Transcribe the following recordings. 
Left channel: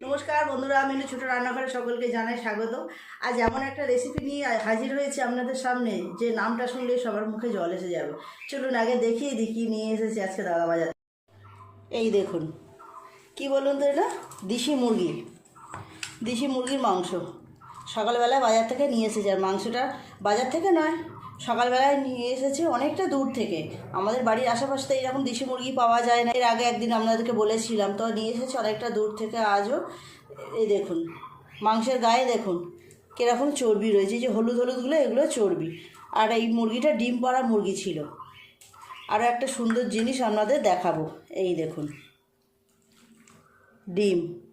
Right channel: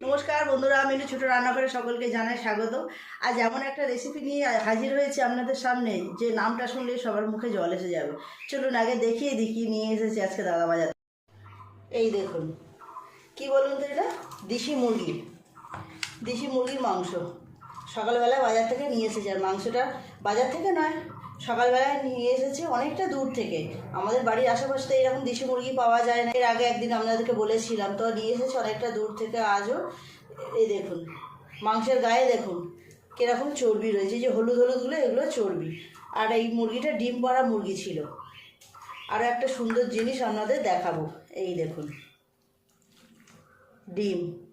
নমস্কার বন্ধুরা মেনু ছোটো রান্নাঘরে সকলকে জানাই স্বাগত আজ এমন একটা রেসিপি নিয়ে হাজির হয়েছে আপনাদের সামনে, যে নামটা শুনলে সবার মুখে জল এসে যাবে। চলুন আগে দেখিয়ে কী নিয়ে এসেছি আজকে দাদা বাজার এই দেখুন, কি বলুন তো এটা? দেশি মুরগি। দেশি মুরগির মাংস। সকালবেলা বাজার থেকে নিয়ে এসেছে, আর মাংসটা বাজার থেকে নয় সকালবেলায় নিয়ে এসেছে অনেকটা দূর থেকে। আমাদের বাড়ির আশেপাশে এরকম দেশি মুরগি পাওয়া যায় না। এর আগে একদিন আপনাদেরকে বলেছিলাম, তো নিয়ে এসেছে অনেকটা দূর থেকে আজও। এই দেখুন, মাংসের গায়ে দেখুন, কীরকম চর্বি রয়েছে। যে হলুদ হলুদগুলো, এগুলো চর্বি। আর এই মুরগিটা ডিম পাড়া মুরগি ছিল। আরও একটা সুন্দর জিনিস আপনাদের দেখাবো। এই দেখুন, ডিম।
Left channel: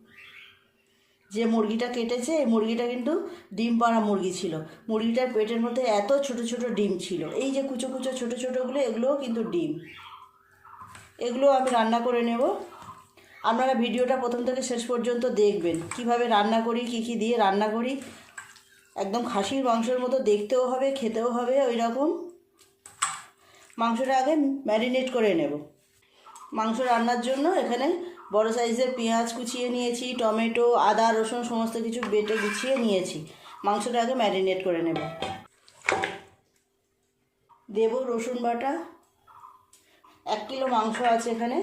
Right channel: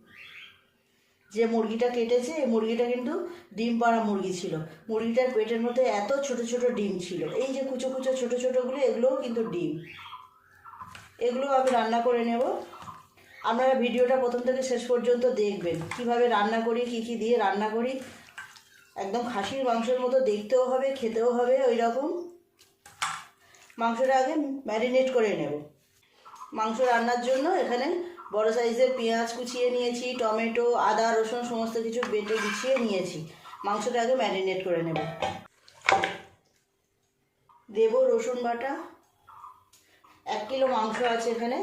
যে মুরগিটা কেটেছে, এই মুরগিটা কিন্তু ডিম পাড়া মুরগি ছিল। মুরগিটার পেটের মধ্যে এত ছোট ছোট ডিম ছিল। এই যে কুচো কুচো ছোট ছোটোগুলো, এগুলোও কিন্তু ডিম। এগুলো আমি রান্না করে নেব। আপনারা ভিডিওটা প্রথম থেকে শেষ পর্যন্ত দেখবেন। কীভাবে রান্না করি, কি কি দিয়ে রান্না করি, একদম খাসির মাংসের মতো দেখতেও হবে, খেতেও হবে ওই রকম মাংসটা আগে ম্যারিনেট করে নেব। মাংস রান্নার জন্য এখানে বড় সাইজের পেঁয়াজ কুচিয়ে নিয়েছি, টমেটো, আদা, রসুন, সমস্ত কিছু বেটে গুছিয়ে নিয়েছি। মাংসটা আগে ম্যারিনেট করে নেব। দেব রসুন বাটা। এক কিলো মাংস আছে এখানে,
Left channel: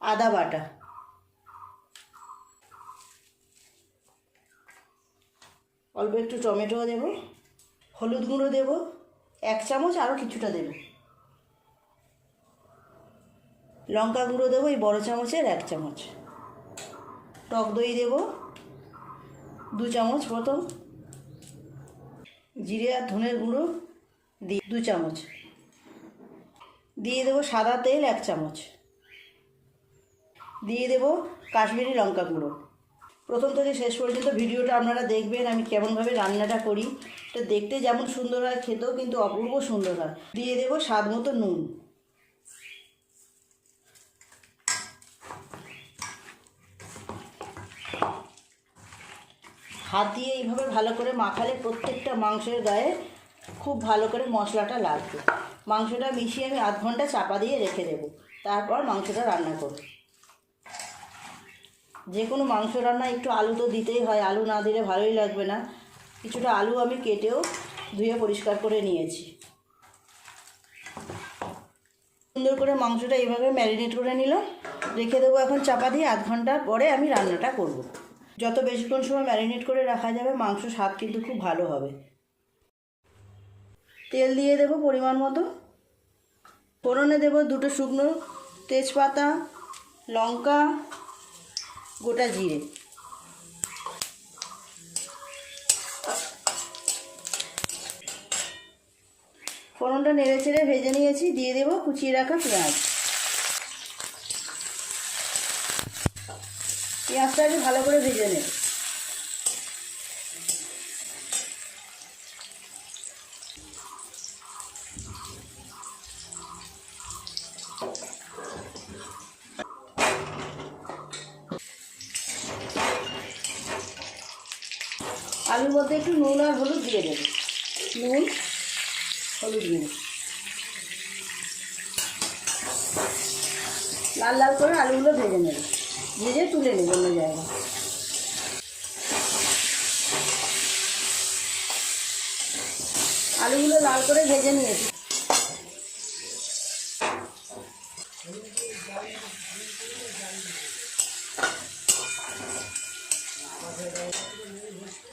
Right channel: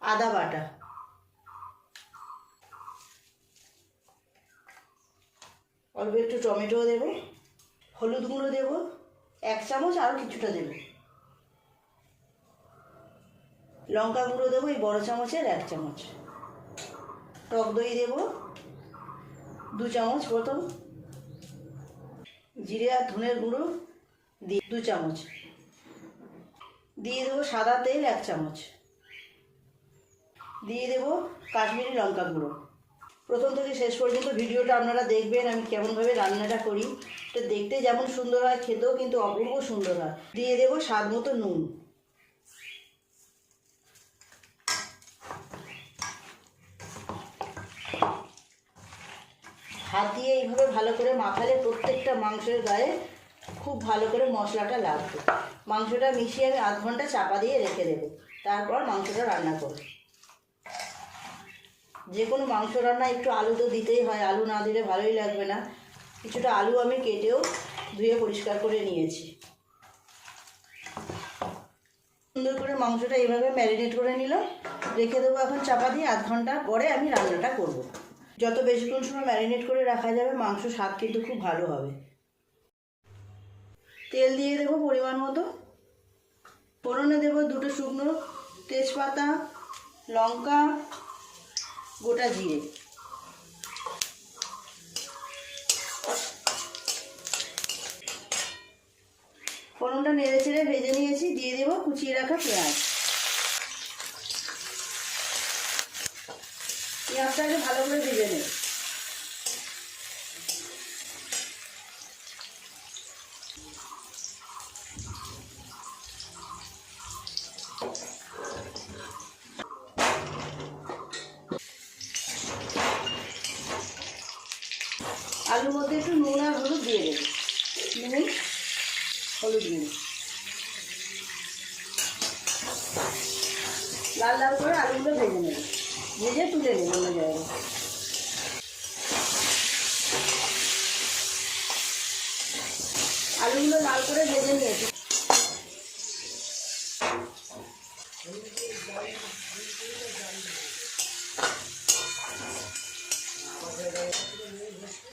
আদা বাটা। অল্প একটু টমেটো দেব, হলুদ গুঁড়ো দেব, এক চামচ আরও কিছুটা দেব। লঙ্কা গুঁড়ো দেবো, এই বড় চামচের এক চামচ। টক দই দেবো, দু চামচ মতো। জিরে আর ধনের গুঁড়ো দিয়ে দু চামচ। দিয়ে দেবো সাদা তেল এক চামচ। দিয়ে দেবো কাশ্মীরি লঙ্কা গুঁড়ো। প্রথম থেকে শেষ পর্যন্ত ভিডিওটা আপনারা দেখবেন, আমি কেমনভাবে রান্নাটা করি। তো দেখতে যেমন সুন্দর হয়, খেতেও কিন্তু অপূর্ব সুন্দর হয়। দিয়ে দেবো স্বাদ মতো নুন। হাত দিয়ে এইভাবে ভালো করে মাখালে প্রত্যেকটা মাংসের গায়ে খুব ভালো করে মশলাটা লাগবে। মাংসটা মিশিয়ে আমি আধ ঘণ্টা চাপা দিয়ে রেখে দেবো। তারপর মাংসটা রান্না করব। যে কোনো মাংস রান্না একটু আলু তো দিতেই হয়, আলু না দিলে ভালোই লাগবে না। কিছুটা আলু আমি কেটেও ধুয়ে পরিষ্কার করে নিয়েছি। সুন্দর করে মাংসটা এইভাবে ম্যারিনেট করে নিলাম। রেখে দেবো এখন চাপা দিয়ে, আধ ঘণ্টা পরে আমি রান্নাটা করব। যত বেশিক্ষণ সময় ম্যারিনেট করে রাখা যাবে, মাংস স্বাদ কিন্তু খুব ভালো হবে। তেল দিয়ে দেবো পরিমাণ মতো। ফোড়নে দেবো দুটো শুকনো তেজপাতা, লঙ্কা, গোটা জিরে। ফোড়নটা নেড়ে চেড়ে ভেজে নিয়েছি, দিয়ে দেবো কুচিয়ে রাখা পেঁয়াজ। পেঁয়াজটা আগে ভালো করে ভেজে নেব আলুর মধ্যে একটু নুন আর হলুদ দিয়ে দেবো। নুন, হলুদ গুঁড়ো লাল লাল করে আলুগুলো ভেজে নেব। ভেজে তুলে নেব অন্য জায়গায় আলুগুলো লাল করে ভেজে নিয়েছি।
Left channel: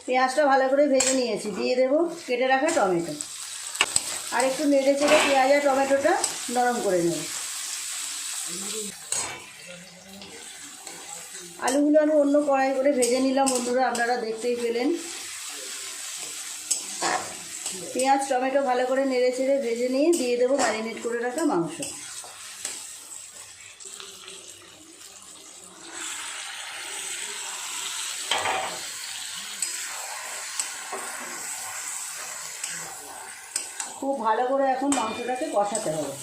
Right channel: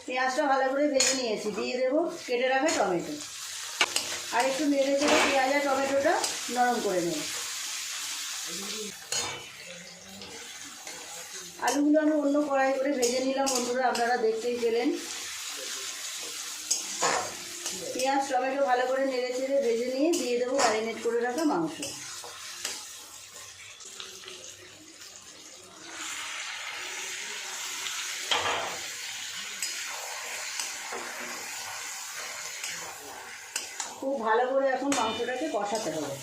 পেঁয়াজটা ভালো করে ভেজে নিয়েছি, দিয়ে দেবো কেটে রাখা টমেটো। আর একটু নেড়ে চেড়ে পেঁয়াজ আর টমেটোটা নরম করে নেব। আলুগুলো আমি অন্য কড়াই করে ভেজে নিলাম। বন্ধুরা, আপনারা দেখতেই পেলেন। পেঁয়াজ, টমেটো ভালো করে নেড়ে চেড়ে ভেজে নিয়ে দিয়ে দেবো ম্যারিনেট করে রাখা মাংস। খুব ভালো করে এখন মাংসটাকে কষাতে হবে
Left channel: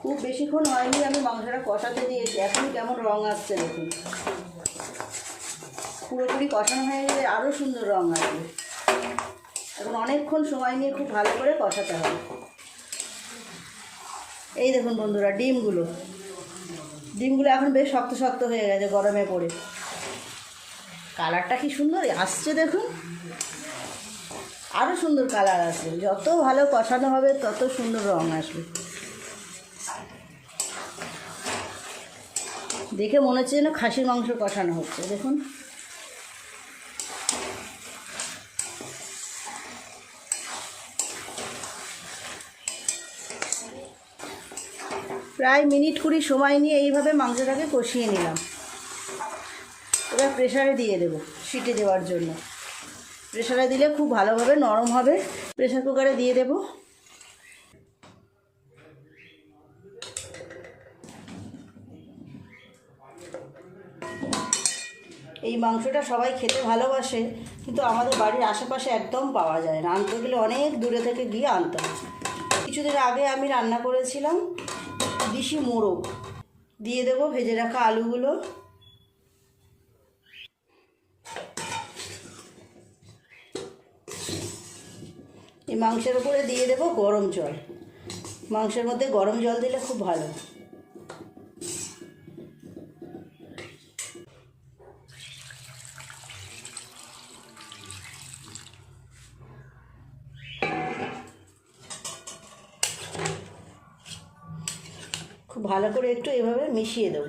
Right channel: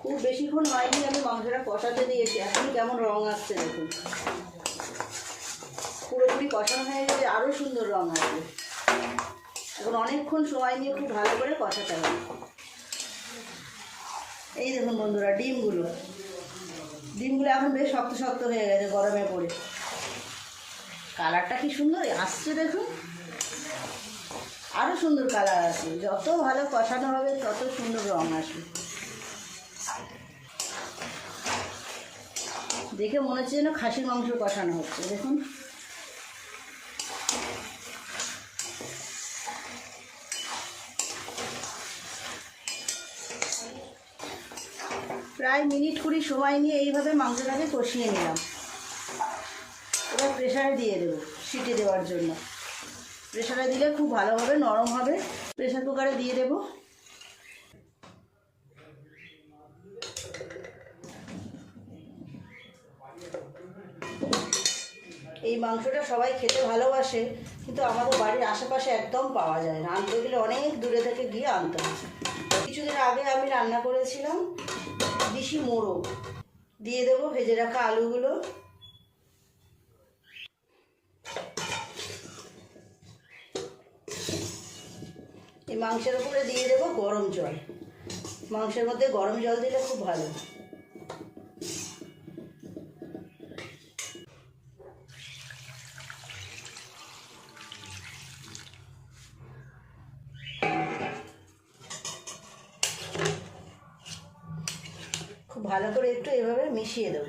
খুব বেশিক্ষণ হয়নি, আমি মাংসটা কষাতে দিয়েছি। এখন কেমন রং আসছে দেখুন। পুরোপুরি কষানো হয়ে গেলে আরও সুন্দর রং আসবে। এখন অনেকক্ষণ সময় নিয়ে খুব ভালো করে কষাতে হবে। এই দেখুন বন্ধুরা, ডিমগুলো। ডিমগুলো এখন বেশ শক্ত শক্ত হয়ে গেছে গরমে পড়ে। কালারটা কি সুন্দর? আসছে দেখুন। আরও সুন্দর কালার আসবে। যত ভালো কষানো হবে, তত সুন্দর রং আসবে। দেখে মনে হচ্ছে যেন খাসির মাংস কষানো হচ্ছে, দেখুন। প্রায় মিনিট কুড়ি সময় নিয়ে এইভাবে মাংসটাকে কষিয়ে নিলাম। এবার প্রেশারে দিয়ে দেবো সিটি দেওয়ার জন্য। প্রেশারে দিলে খুব ভালোভাবে, নরম হবে। প্রেশার কুকারে দিয়ে দেবো। এই মাংসটা সবাই খেতে ভালোবাসে, কিন্তু আমাদের বাড়ির আশেপাশে একদম পাওয়া যায় না। আনতে গেলে অনেক দূরে থেকে গিয়ে আনতে হয়। কিছুদিন আগে আমি রান্না করেছিলাম দিশি মোড়ক দিয়ে দেবো ভেজে রাখা আলুগুলো। এই মাংসের উপরে দিয়ে দেবো গরম জল। মাংসের মধ্যে গরম জল দিলে খুব ভালো। ভালো করে একটু এভাবে মিশিয়ে দেবো।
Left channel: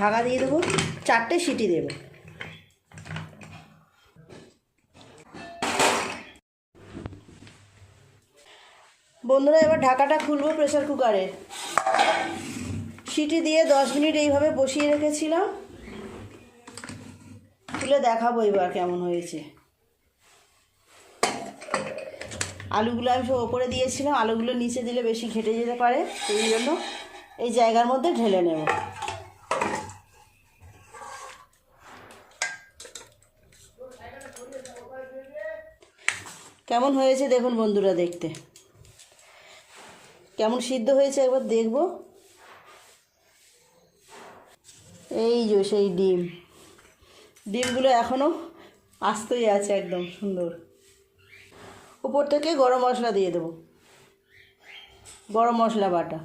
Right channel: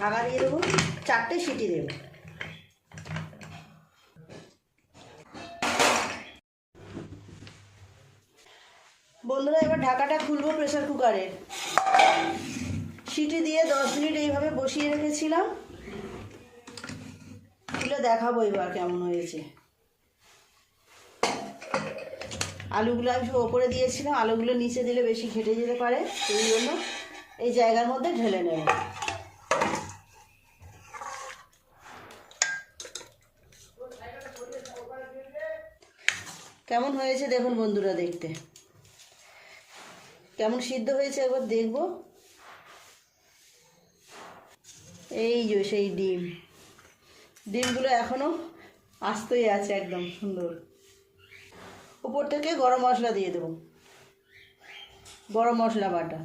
ঢাকা দিয়ে দেবো, চারটে সিটি দেবো। বন্ধুরা, এবার ঢাকাটা খুলবো প্রেসার কুকারের সিটি দিয়ে দশ মিনিট এইভাবে বসিয়ে রেখেছিলাম। তুলে দেখাবো এবার কেমন হয়েছে। আলুগুলো আমি সব ওপরে দিয়েছিলাম, আলুগুলো নিচে দিলে বেশি ঘেটে যেতে পারে, সেই জন্য এই জায়গার মধ্যে ঢেলে নেব। কেমন হয়েছে দেখুন বন্ধুরা দেখতে। কেমন সিদ্ধ হয়েছে একবার দেখব। এই যে সেই ডিম। ডিমগুলো এখনও আস্তই আছে একদম সুন্দর। উপর থেকে গরম মশলা দিয়ে দেবো। গরম মশলা বাটা।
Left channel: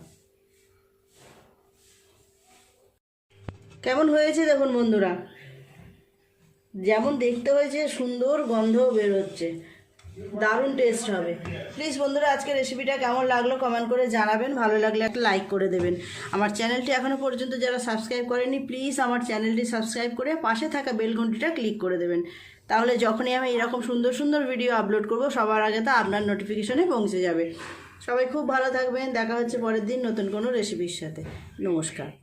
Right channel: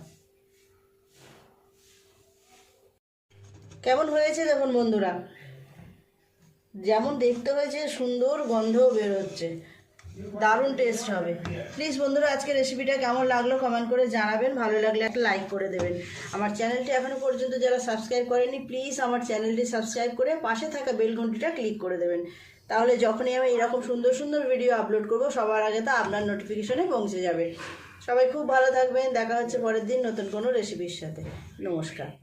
কেমন হয়েছে দেখুন বন্ধুরা? যেমন দেখতে হয়েছে সুন্দর গন্ধও বেরোচ্ছে দারুণ টেস্ট হবে। প্লিজ বন্ধুরা, আজকে রেসিপিটা কেমন লাগল কমেন্ট করে জানাবেন। ভালো লাগলে একটা লাইক করে দেবেন। আমার চ্যানেলটি এখনও পর্যন্ত যারা সাবস্ক্রাইব করেনি প্লিজ আমার চ্যানেলটি সাবস্ক্রাইব করে পাশে থাকা বেল ঘন্টিটা ক্লিক করে দেবেন। তাহলে যখনই আমি এরকম সুন্দর সুন্দর ভিডিও আপলোড করব, সবার আগে তা আপনার নোটিফিকেশনে পৌঁছে যাবে। সবাই খুব ভালো থাকবেন। দেখা হচ্ছে পরের দিন নতুন কোনো রেসিপির সাথে। নমস্কার।